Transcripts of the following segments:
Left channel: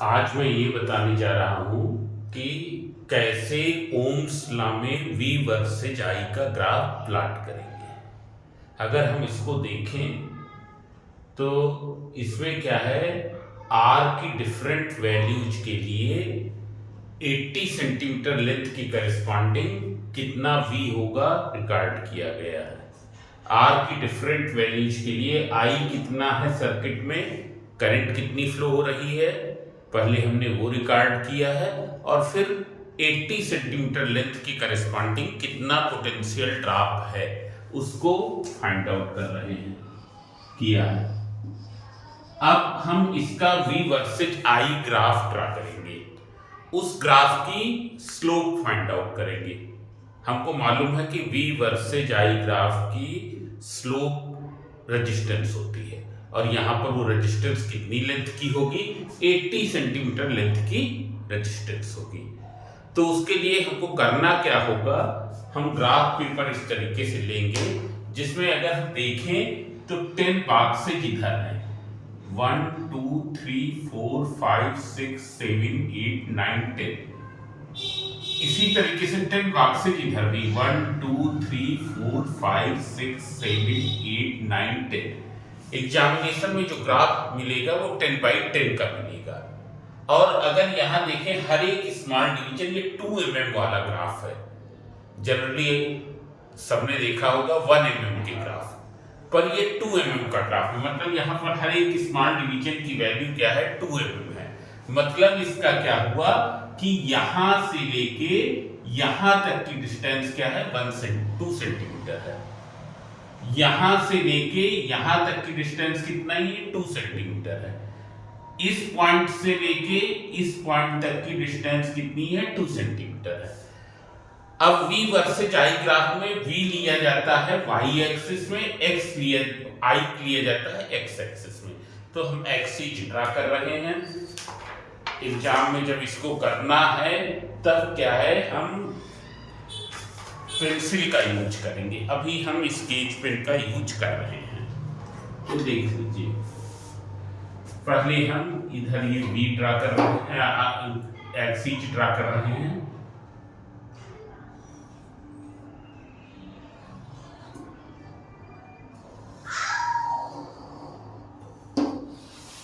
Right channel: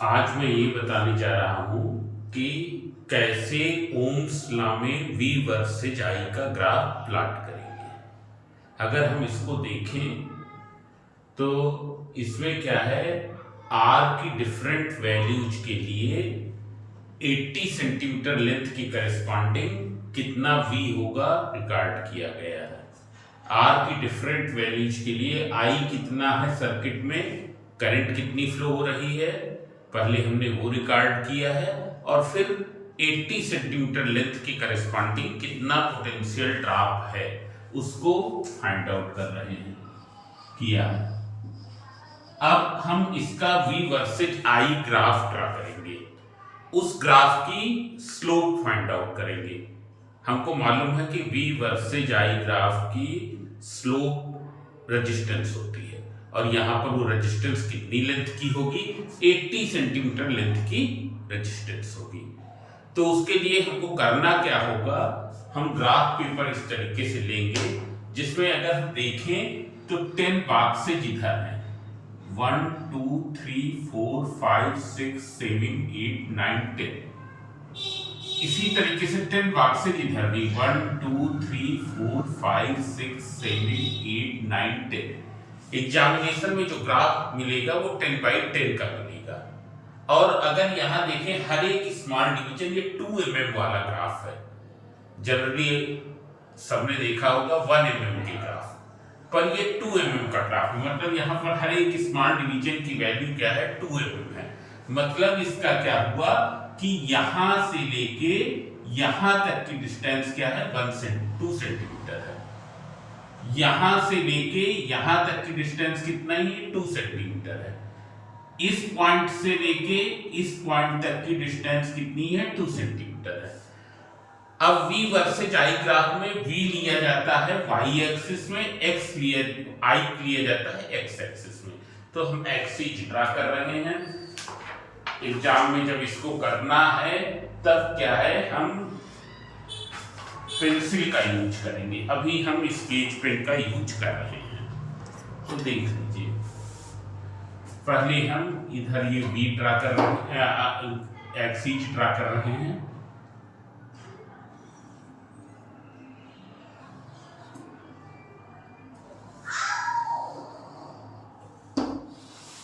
आज मैं ये बताने जा रहा हूँ कि कैसे ओम्स लॉ में V वर्सेज I का ग्राफ प्लॉट करेंगे। अगर हम इसको देखें तो इसमें क्या है, R की डिफरेंट वैल्यूज के लिए 80 सेंटीमीटर लेंथ की करस्पॉन्डिंग कितना V होगा रिकॉर्ड किया गया है। R की डिफरेंट वैल्यूज के लिए I कितना है, सर्किट में करंट कितनी फ्लो हो रही है, पहले हमने वो रिकॉर्ड किया है, और फिर 80 सेंटीमीटर लेंथ की करस्पॉन्डिंग कितना पोटेंशियल ड्रॉप है उसको फाइंड आउट कर रहे हैं, किया है। अब हम इसका V versus I graph draw करेंगे, उस ग्राफ की स्लोप फाइंड आउट करेंगे। हमको मालूम है कि V वर्सेज I ग्राफ की स्लोप रेजिस्टेंस होती है, और यहाँ पर वो रेजिस्टेंस कितनी लेंथ की होगी, 80 सेंटीमीटर लेंथ की रेजिस्टेंस होगी। तो उसके लिए हमको करना क्या होगा, हम ग्राफ पेपर इस तरीके से लेंगे जिसमें अगर हम देखें तो 10 बॉक्सेज इधर हैं, 1 2 3 4 5 6 7 8 9 10। इसी तरीके से 10 बॉक्सेज इधर भी 1 2 3 4 5 6 7 8 9 10। एग्जामिनेशन में जो ग्राफ मिलेगा वो 10/10 का मिलेगा। और अगर यहाँ देखें हर एक स्मॉल डिवीजन, ये 2 mm वाला ग्राफ है। जनरली सबने देखा होगा 1 mm के ग्राफ, पर ये 2 mm का ग्राफ है। मतलब यहाँ पर हर एक स्मॉल डिवीजन की वैल्यू क्या है, 2 mm है। मतलब इसका क्या हुआ कि यहाँ से लेके यहाँ तक की डिस्टेंस क्या है, 2 सेंटीमीटर है। यहां से लेके यहां तक की डिस्टेंस कितना है, 2 सेंटीमीटर है। इस पॉइंट से लेके इस पॉइंट तक की डिस्टेंस कितनी है, 2 सेंटीमीटर है। अब V वर्सेज I ग्राफ में V लिया जाता है y एक्सिस में, x I लिया जाता है x एक्सिस में। तो हम एक्सिस ड्रा कर रहे हैं। एग्जाम में जब इसको करना है तब क्या है, हम पेंसिल का यूज करेंगे। अभी हम स्केच पेन का यूज कर रहे हैं। तो देख लीजिए, पहले हम इधर ये V ड्रा कर रहे हैं, एक्सिस ड्रा कर रहे हैं।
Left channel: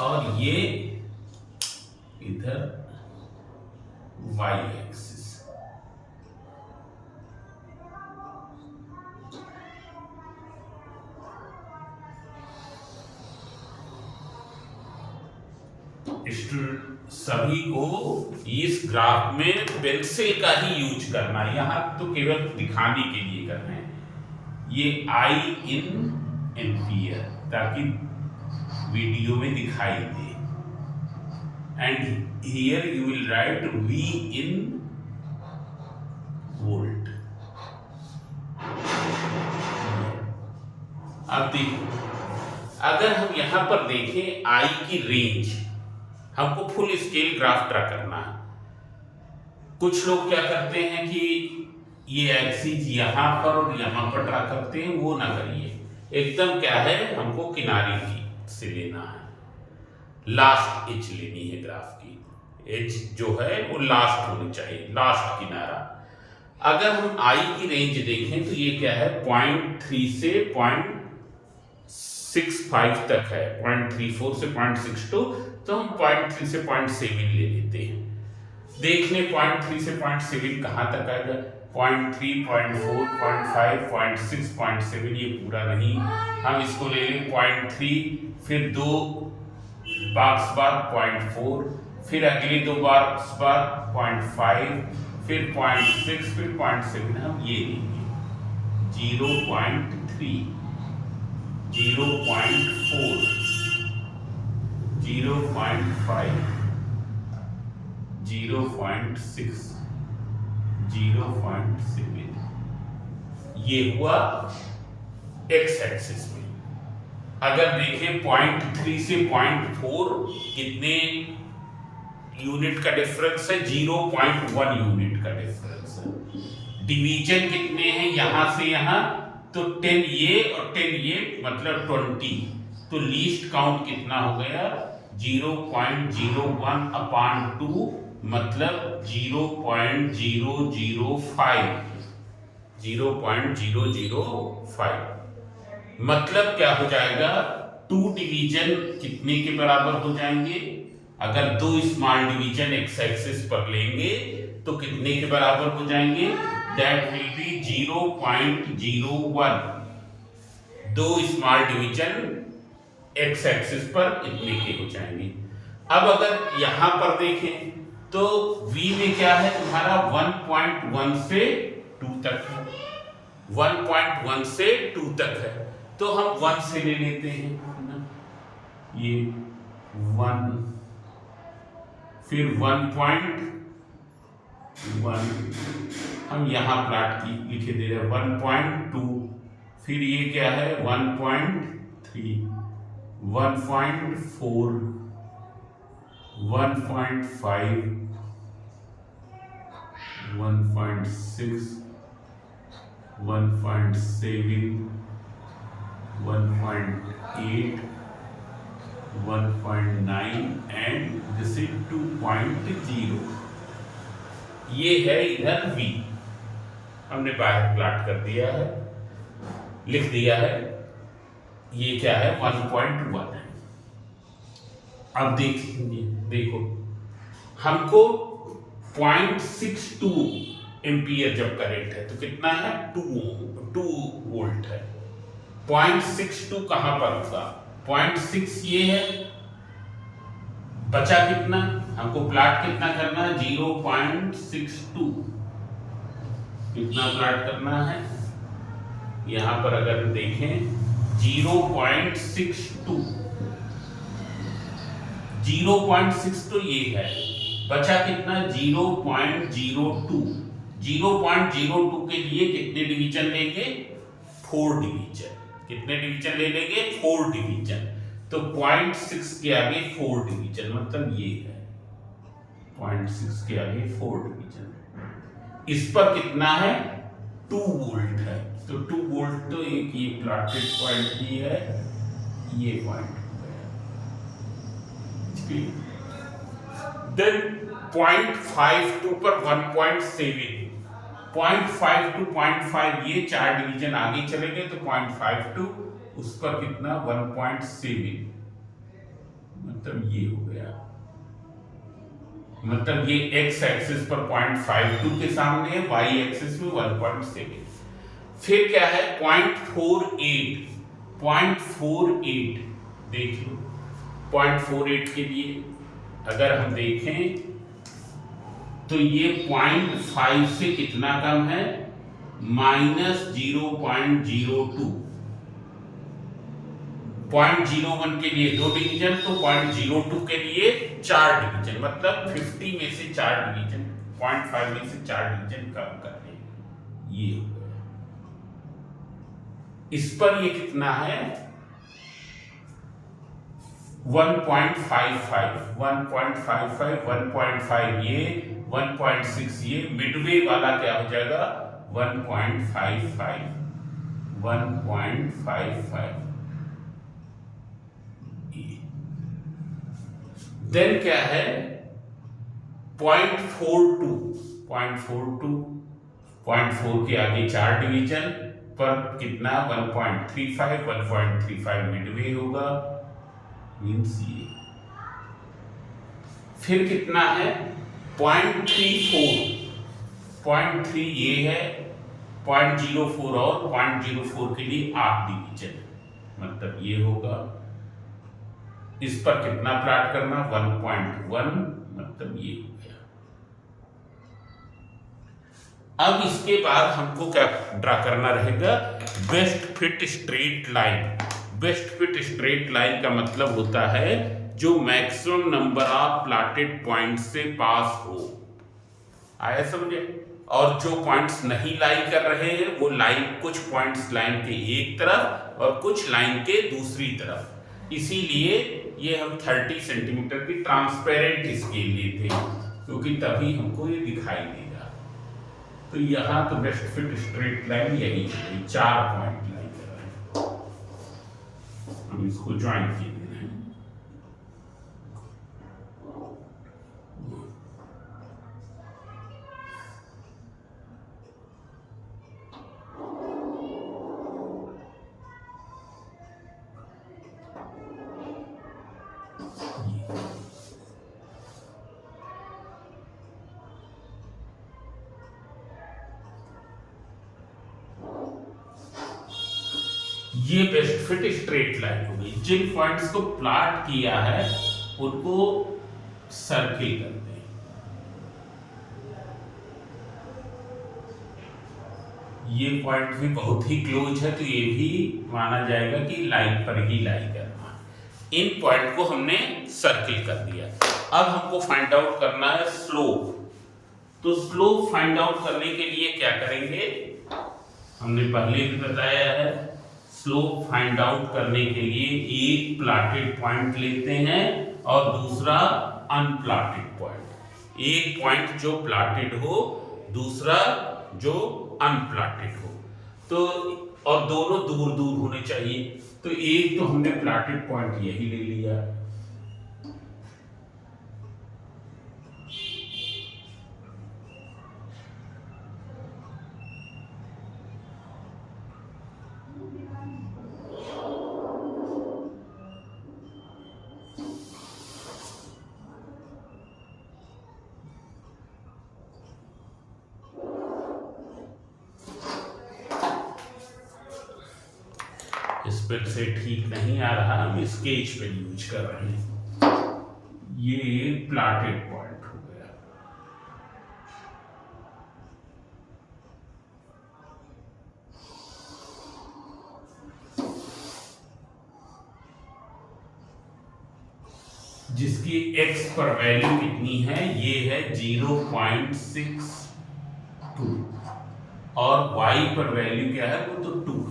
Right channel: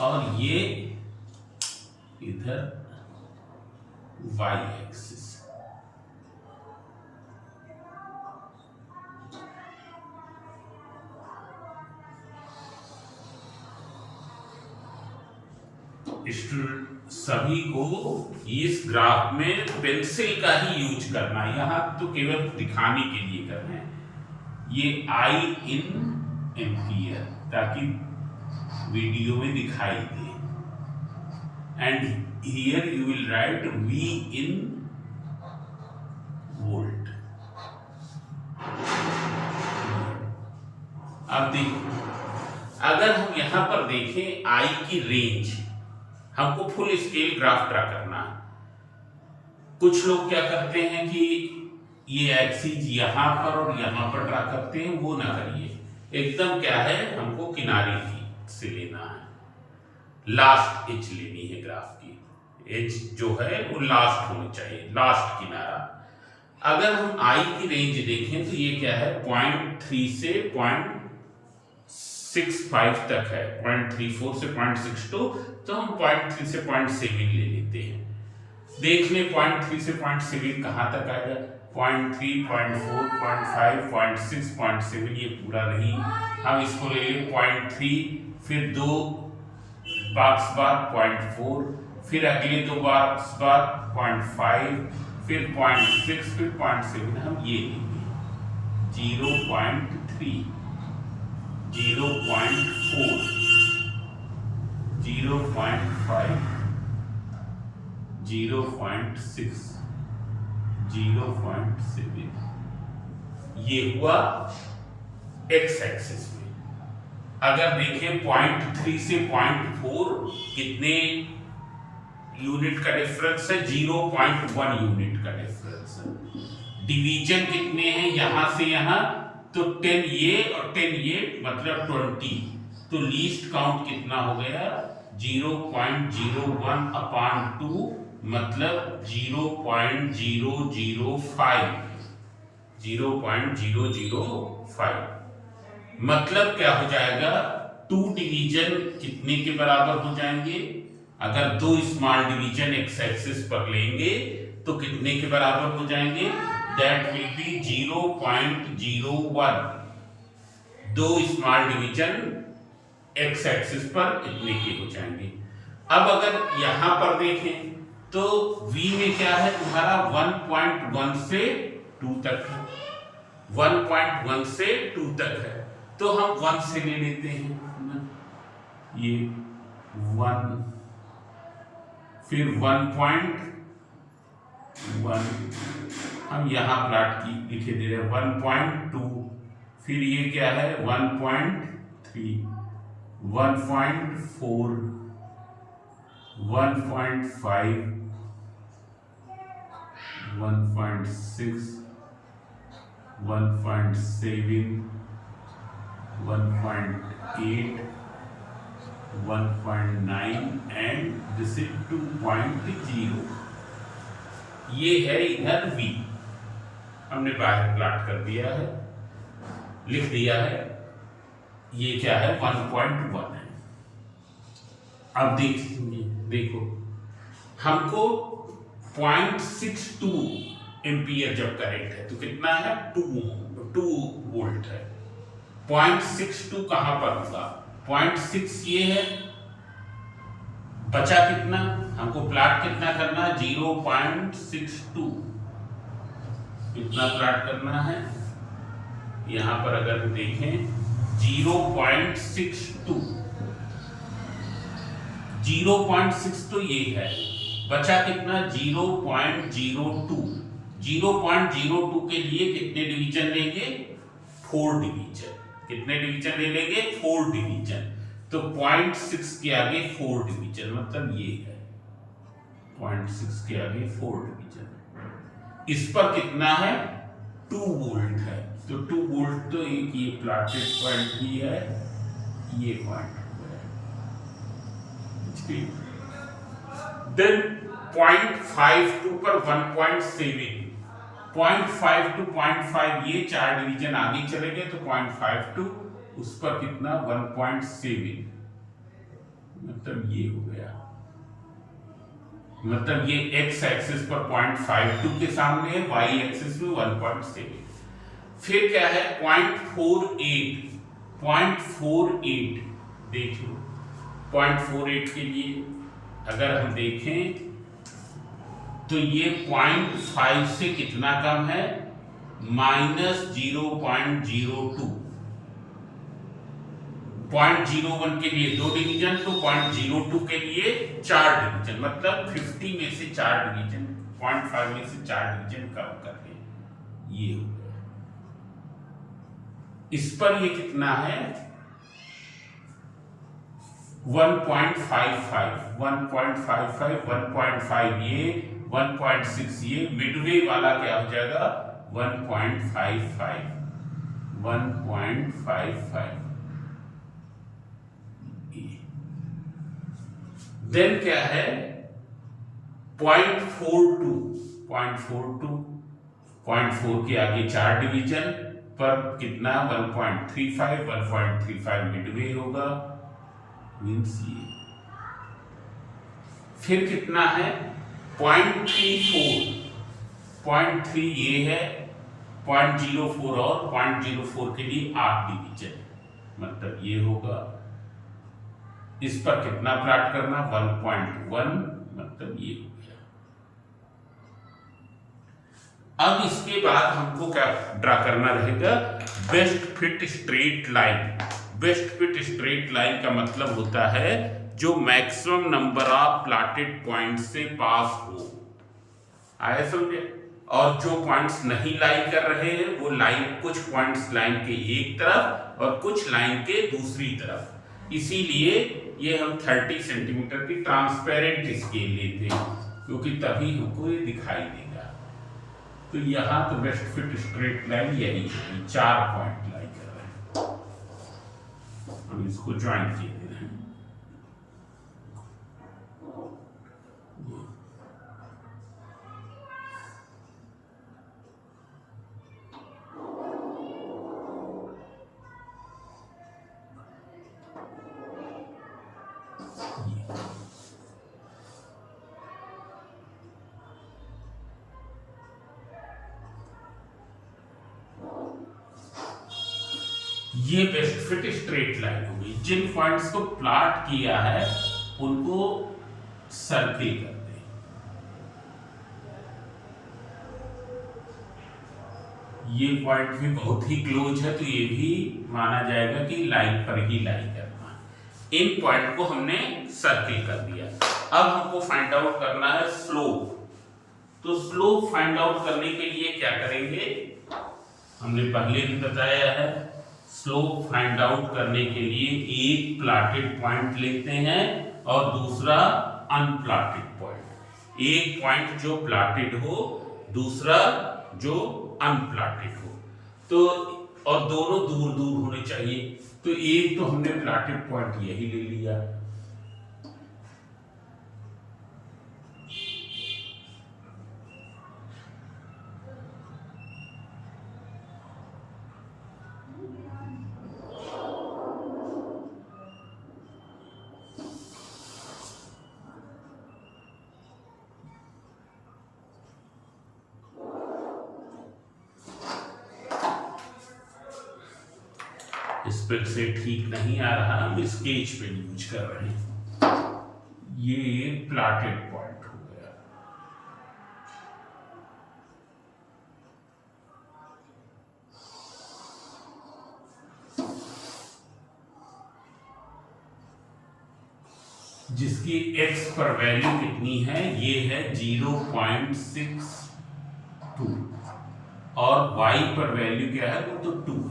और ये इधर y एक्सिस। सभी को इस ग्राफ में पेंसिल का ही यूज करना है, यहां तो केवल दिखाने के लिए कर रहे हैं। ये I in एम्पियर ताकि वीडियो में दिखाई दे, and here you will write V in volt. अब देखो, अगर हम यहां पर देखें I की रेंज, हमको फुल स्केल ग्राफ ड्रा करना है। कुछ लोग क्या करते हैं कि ये एक्सिस यहां पर और यहां पर ड्रा करते हैं, वो ना करिए। एकदम क्या है, हमको किनारे की से लेना है, लास्ट एज लेनी है ग्राफ की। एज जो है वो लास्ट होनी चाहिए, लास्ट किनारा। अगर हम I की रेंज देखें तो ये क्या है, 0.3 से 0.65 तक है, 0.34 से 0.62। तो हम 0.3 से 0.7 ले लेते हैं। देख लें 0.3 से 0.7 कहाँ तक आएगा, 0.3 0.4 0.5 0.6 0.7, ये पूरा नहीं। हम इसको ले लें 0.3, फिर 2 बॉक्स बार 0.4, फिर अगले 2 बॉक्स बार 0.5, फिर 0.6, फिर 0.7। हम ये लेंगे 0.3 0.4 0.5 0.6 0.7। ये हुआ x एक्सिस में। अगर देखिए 0.3 से 0.4 कितने यूनिट का डिफरेंस है, 0.1 यूनिट का डिफरेंस है। डिवीजन कितने हैं यहां से यहां, तो 10 ये और 10 ये, मतलब 20। तो लीस्ट काउंट कितना हो गया, 0.01 अपान 2 मतलब 0.005, 0.005 मतलब क्या हो जाएगा, 2 डिवीजन कितने के बराबर हो जाएंगे, अगर 2 स्मॉल डिवीजन एक्स एक्सिस पर लेंगे तो कितने के बराबर हो जाएंगे, that will be 0.01, 2 small division x axis पर इतने के हो जाएंगे। अब अगर यहां पर देखें तो v में क्या है हमारा 1.1 से 2 तक है, 1.1 से 2 तक है, तो हम 1 से ले लेते हैं ये 1, फिर 1.1 हम यहां प्लॉट की लिखे दे रहे हैं 1.2, फिर ये क्या है 1.3, 1.4, 1.5, 1.6, 1.7, 1.8, 1.9 एंड दिस इज 2.0। ये है इधर v, हमने बाहर प्लॉट कर दिया है, लिख दिया है, ये क्या है 1.1 है। अब देखेंगे, देखो हमको 0.62 एम्पियर जब करंट है तो कितना है 2 वोल्ट है, 0.62 कहां पर होगा, 0.6 ये है, बचा कितना, हमको प्लॉट कितना करना है 0.62, कितना प्लॉट करना है, यहां पर अगर हम देखें 0.62, 0.62 ये है, बचा कितना 0.02, 0.02 के लिए कितने डिवीजन लेंगे 4 डिवीजन, कितने डिवीजन ले लेंगे 4 डिवीजन, तो 0.6 के आगे 4 डिवीजन मतलब ये है 0.6 के आगे 4 डिवीजन, इस पर कितना है 2 वोल्ट है, तो 2 वोल्ट तो एक ये प्लॉटेड पॉइंट भी है, ये पॉइंट देन 0.52 पर 1.7, 0.5 to 0.5 ये 4 डिवीजन आगे चले गए तो 0.52 उस पर कितना 1.7, मतलब ये हो गया, मतलब ये x एक्सिस पर 0.52 के सामने है, y एक्सिस में 1.7, फिर क्या है 0.48 देखिए 0.48 के लिए अगर हम देखें तो ये 0.5 से कितना कम है -0.02, 0.01 के लिए 2 डिवीजन तो 0.02 के लिए 4 डिवीजन, मतलब 50 में से 4 डिवीजन, 0.5 में से 4 डिवीजन कम कर रहे हैं, ये हो गया। इस पर ये कितना है 1.55, 1.5 ये 1.6 ये मिडवे वाला क्या हो जाएगा 1.55, देन क्या है 0.42 के आगे 4 डिवीजन पर कितना 1.35 मिडवे होगा, मीन्स ये, फिर कितना है 0.3 ये है, 0.04 और 0.04 के लिए 8 डिवीजन, मतलब ये होगा, इस पर कितना प्लॉट करना 1.1, मतलब ये हो गया। अब इसके बाद हमको क्या ड्रा करना रहेगा best fit straight line. Best fit straight line का मतलब होता है जो maximum number of plotted point से पास हो, आया समझे, और जो पॉइंट्स नहीं लाई कर रहे हैं वो लाइन, कुछ पॉइंट्स लाइन के एक तरफ और कुछ लाइन के दूसरी तरफ, इसीलिए ये हम 30 सेंटीमीटर की ट्रांसपेरेंट स्केल लेते हैं क्योंकि तभी हमको ये दिखाई देगा। तो यहाँ तो बेस्ट फिट स्ट्रेट लाइन यही है, 4 पॉइंट लाई कर रहे हैं, हम इसको ज्वाइन किए दे रहे हैं, ये बेस्ट फिट स्ट्रेट लाइन होगी। जिन पॉइंट्स को प्लॉट किया है उनको सर्किल करते हैं। ये पॉइंट भी बहुत ही क्लोज है तो ये भी माना जाएगा कि लाइन पर ही लाई करना। इन पॉइंट को हमने सर्किल कर दिया। अब हमको फाइंड आउट करना है स्लोप। तो स्लोप फाइंड आउट करने के लिए क्या करेंगे, हमने पहले भी बताया है, स्लोप फाइंड आउट करने के लिए एक प्लॉटेड पॉइंट लेते हैं और दूसरा अनप्लॉटेड पॉइंट। एक पॉइंट जो प्लॉटेड हो, दूसरा जो अनप्लॉटेड हो, तो और दोनों दूर दूर होने चाहिए। तो एक तो हमने प्लॉटेड पॉइंट यही ले लिया, इस पे से ठीक नहीं आ रहा, हम स्केच पेन यूज कर रहे हैं। ये प्लॉटेड पॉइंट हो गया। जिसकी x पर वैल्यू कितनी है, ये है 0.62 और y पर वैल्यू क्या है, वो तो 2 है।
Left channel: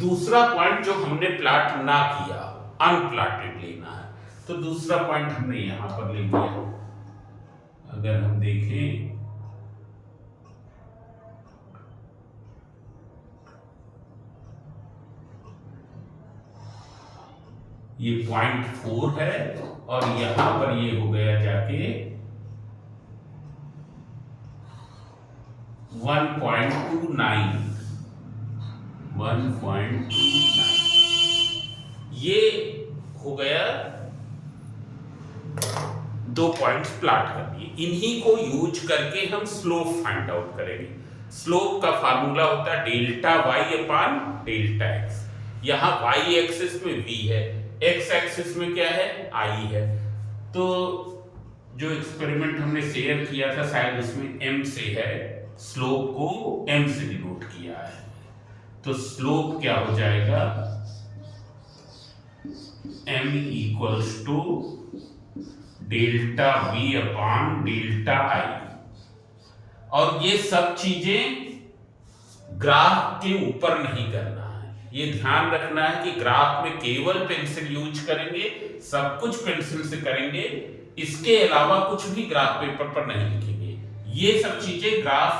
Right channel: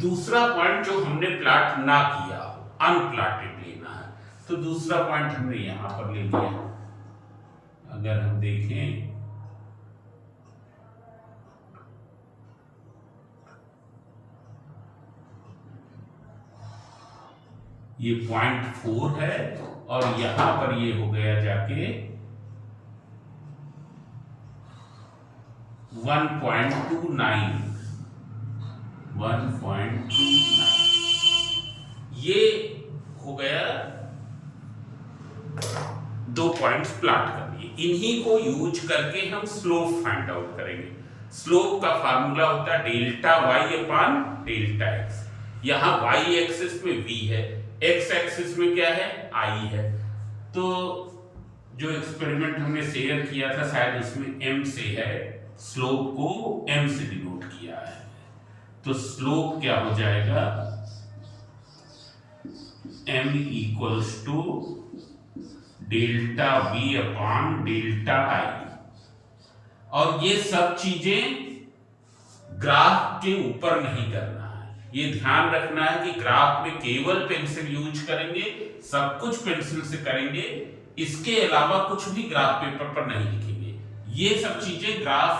दूसरा पॉइंट जो हमने प्लॉट ना किया हो, अनप्लॉटेड लेना है, तो दूसरा पॉइंट हमने यहां पर ले लिया। अगर हम देखें ये 0.4 है और यहां पर ये हो गया जाके 1.29। ये हो गया, 2 पॉइंट्स प्लॉट कर दिए। इन्हीं को यूज करके हम स्लोप फाइंड आउट करेंगे। स्लोप का फार्मूला होता है डेल्टा y अपान डेल्टा x। यहां y एक्सिस में v है, x एक्सिस में क्या है, i है। तो जो एक्सपेरिमेंट हमने शेयर किया था शायद उसमें m से है, स्लोप को m से डिनोट किया है। तो स्लोप क्या हो जाएगा, m equals to delta v upon delta i। और ये सब चीजें ग्राफ के ऊपर नहीं करना है, ये ध्यान रखना है कि ग्राफ में केवल पेंसिल यूज करेंगे, सब कुछ पेंसिल से करेंगे, इसके अलावा कुछ भी ग्राफ पेपर पर नहीं लिखेंगे। ये सब चीजें ग्राफ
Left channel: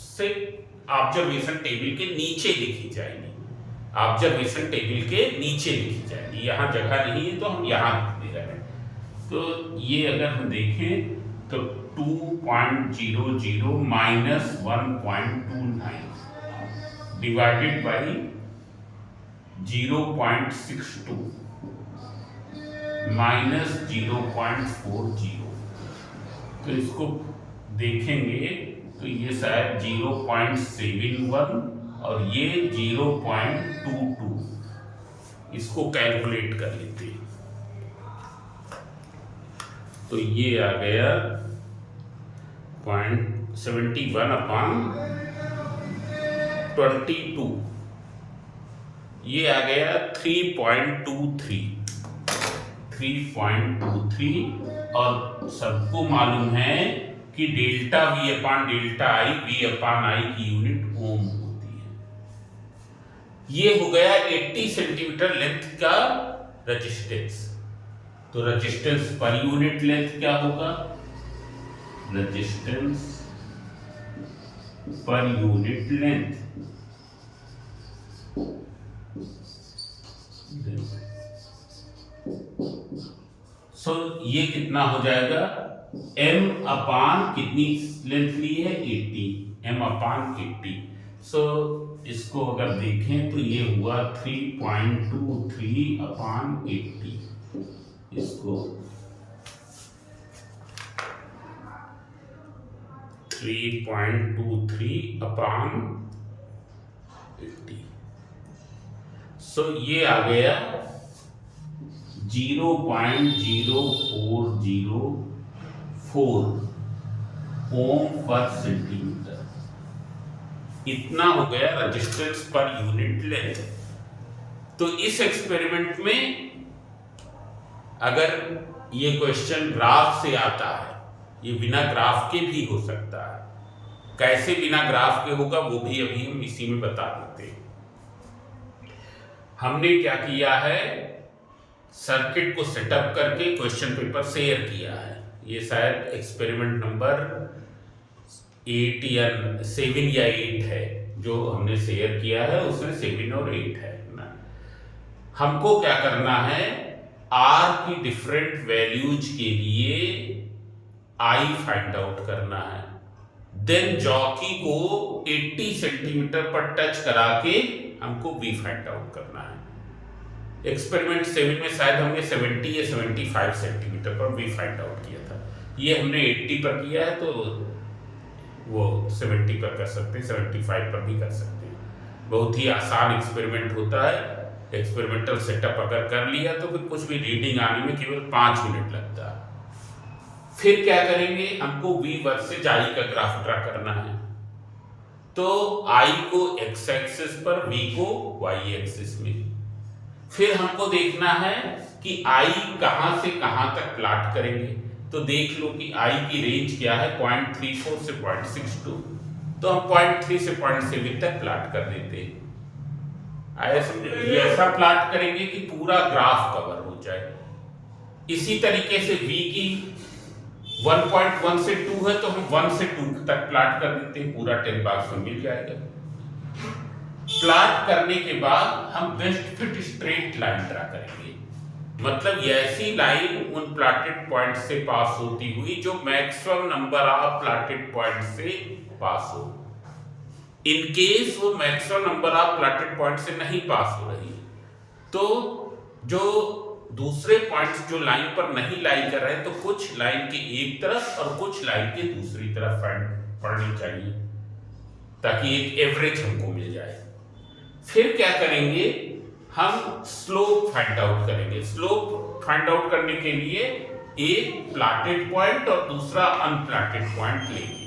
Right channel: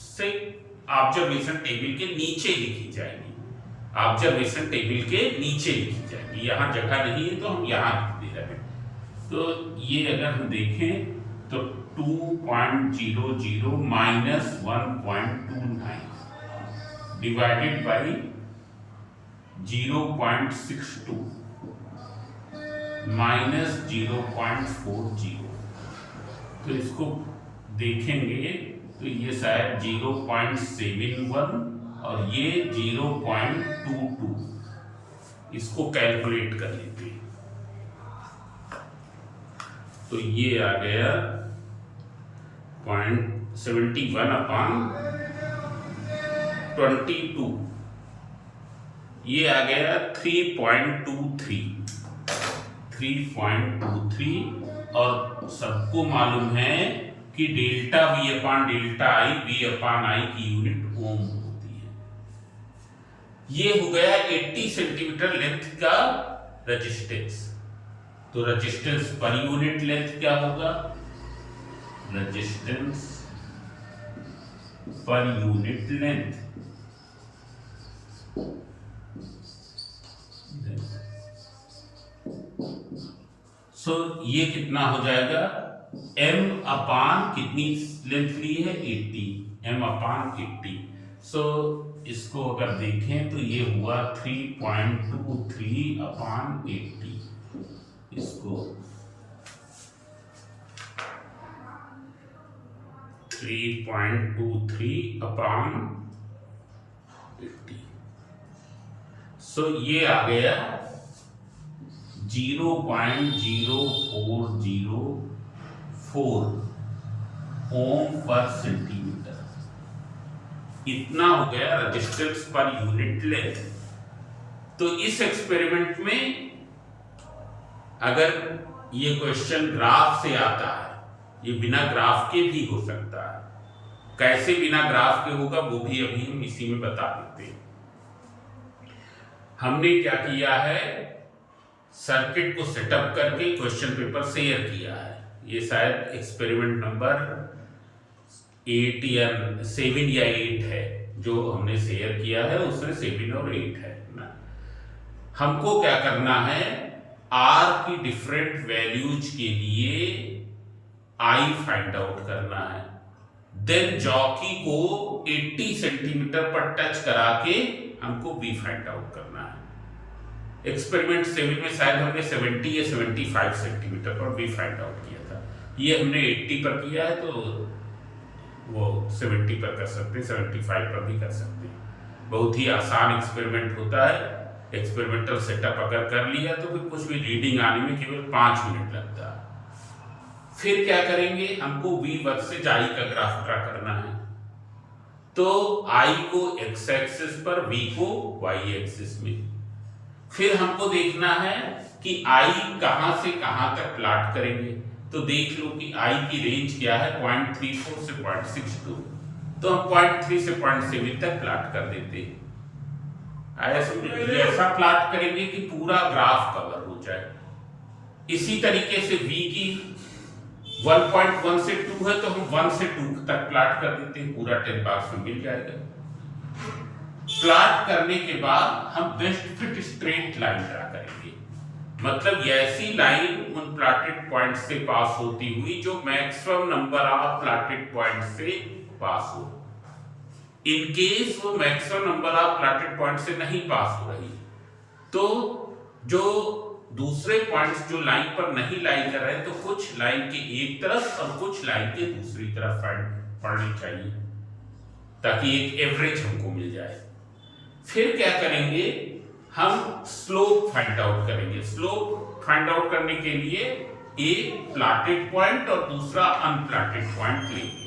से ऑब्जर्वेशन टेबल के नीचे लिखी जाएगी, ऑब्जर्वेशन टेबल के नीचे लिखी जाएगी। यहां जगह नहीं है तो हम यहां लिख दे रहे हैं। तो ये अगर हम देखें तो 2.00 माइनस 1.29 डिवाइडेड बाई 0.62 माइनस 0.40। तो इसको देखेंगे तो ये शायद 0.71 और ये 0.22। इसको कैलकुलेट कर लेते हैं तो ये आ गया 0.71 अपान 22। ये आ गया 3.23 और सबको मालूम है कि डेल्टा v अपान डेल्टा आई, v अपान आई की यूनिट ओम होती है। ये हो गया 80 सेंटीमीटर लेंथ का रेजिस्टेंस। तो रेजिस्टेंस पर यूनिट लेंथ क्या होगा, रेजिस्टेंस पर यूनिट लेंथ ये कितना हो जाएगा, m अपान कितनी लेंथ ली है, 80, m अपान 80। इसको अगर देखें तो ये हुआ 3.23 अपान 80। इसको 3.23 अपान 80। सो ये आ गया 0.0404 ओम पर सेंटीमीटर। इतना हो गया रेजिस्टेंस पर यूनिट लेंथ। तो इस एक्सपेरिमेंट में अगर ये क्वेश्चन ग्राफ से आता है, ये बिना ग्राफ के भी हो सकता है। कैसे बिना ग्राफ के होगा वो भी अभी हम इसी में बता देते हैं। हमने क्या किया है, सर्किट को सेटअप करके क्वेश्चन पेपर शेयर किया है। ये शायद एक्सपेरिमेंट नंबर 8 या 7 या 8 है जो हमने शेयर किया है, उसमें 7 और 8 है ना। हमको क्या करना है, आर की डिफरेंट वैल्यूज के लिए आई फाइंड आउट करना है। देन जॉकी को 80 सेंटीमीटर पर टच करा के हमको वी फाइंड आउट करना है। एक्सपेरिमेंट 7 में शायद हमने 70 या 75 सेंटीमीटर पर वी फाइंड आउट किया था। ये हमने 80 पर किया है, तो वो 70 पर कर सकते हैं, 75 पर भी कर सकते हैं। बहुत ही आसान एक्सपेरिमेंट होता है। एक्सपेरिमेंटल सेटअप अगर कर लिया तो फिर कुछ भी रीडिंग आने में केवल 5 मिनट लगता है। फिर क्या करेंगे, हमको वी वर्सेज आई का ग्राफ ड्रा करना है। तो आई को एक्स एक्सिस पर, वी को वाई एक्सिस में। फिर हमको देखना है कि आई कहां से कहां तक प्लॉट करेंगे। तो देख लो कि आई की रेंज क्या है, 0.34 से 0.62। तो हम 0.3 से 0.7 तक प्लॉट कर देते हैं। ऐसा प्लॉट करेंगे कि पूरा ग्राफ कवर हो जाए। इसी तरीके से v की 1.1 से 2 है, तो हम 1 से 2 तक प्लॉट कर देते हैं, पूरा 10 बॉक्स में मिल जाएगा। प्लॉट करने के बाद हम best fit straight line draw करेंगे। मतलब ऐसी लाइन उन प्लॉटेड पॉइंट से पास होती हुई जो maximum number of plotted point से पास हो। इन केस वो maximum number of plotted point से नहीं पास हो रही, तो जो दूसरे पॉइंट्स जो लाइन पर नहीं लाई कर रहे हैं, तो कुछ लाइन के एक तरफ और कुछ लाइन के दूसरी तरफ पड़नी चाहिए, ताकि एक एवरेज हमको मिल जाए। फिर क्या करेंगे, हम स्लोप फाइंड आउट करेंगे। स्लोप फाइंड आउट करने के लिए एक प्लॉटेड पॉइंट और दूसरा अनप्लॉटेड पॉइंट लेंगे।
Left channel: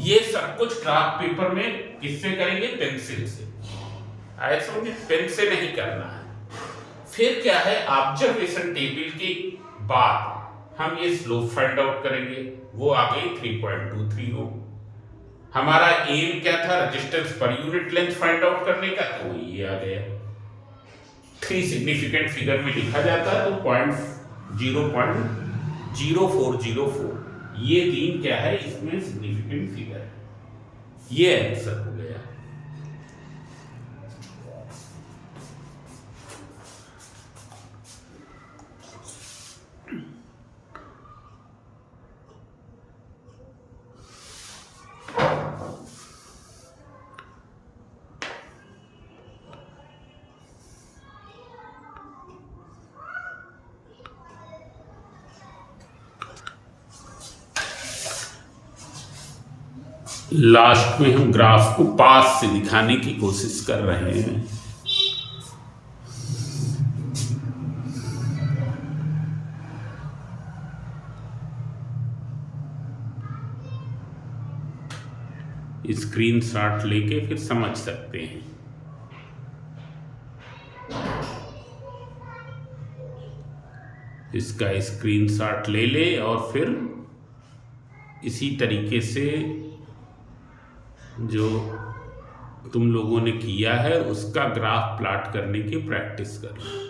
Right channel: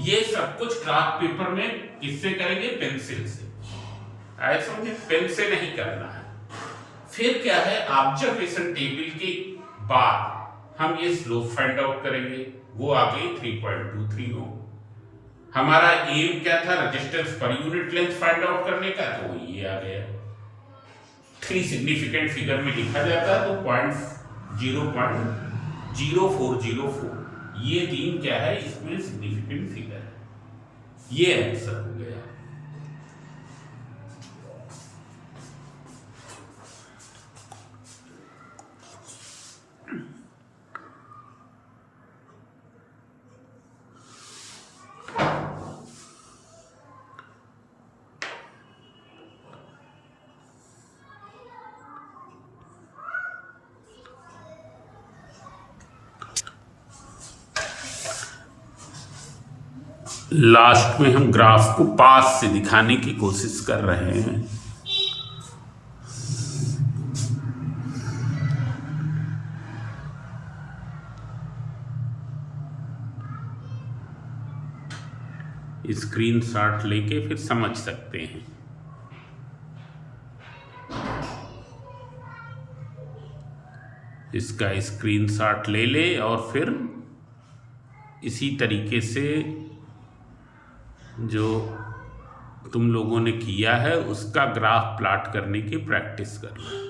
ये सब कुछ ग्राफ पेपर में किससे करेंगे, पेंसिल से। आए समझे, पेन से नहीं करना है। फिर क्या है, ऑब्जर्वेशन टेबल के बाद हम ये स्लोप फाइंड आउट करेंगे। वो आ गई 3.23 हो। हमारा एम क्या था, resistance per unit length find out करने का, तो ये आ गया। 3 सिग्निफिकेंट फिगर में लिखा जाता है, तो 0.0404। ये 3 क्या है, इसमें सिग्निफिकेंट फिगर है। ये आंसर हो गया। लास्ट में हम ग्राफ को पास से दिखाने की कोशिश कर रहे हैं। स्क्रीनशॉट लेके फिर समझ सकते हैं। इसका स्क्रीनशॉट ले ले और फिर इसी तरीके से जो तुम लोगों ने किया है उसका ग्राफ प्लॉट करने की प्रैक्टिस करना।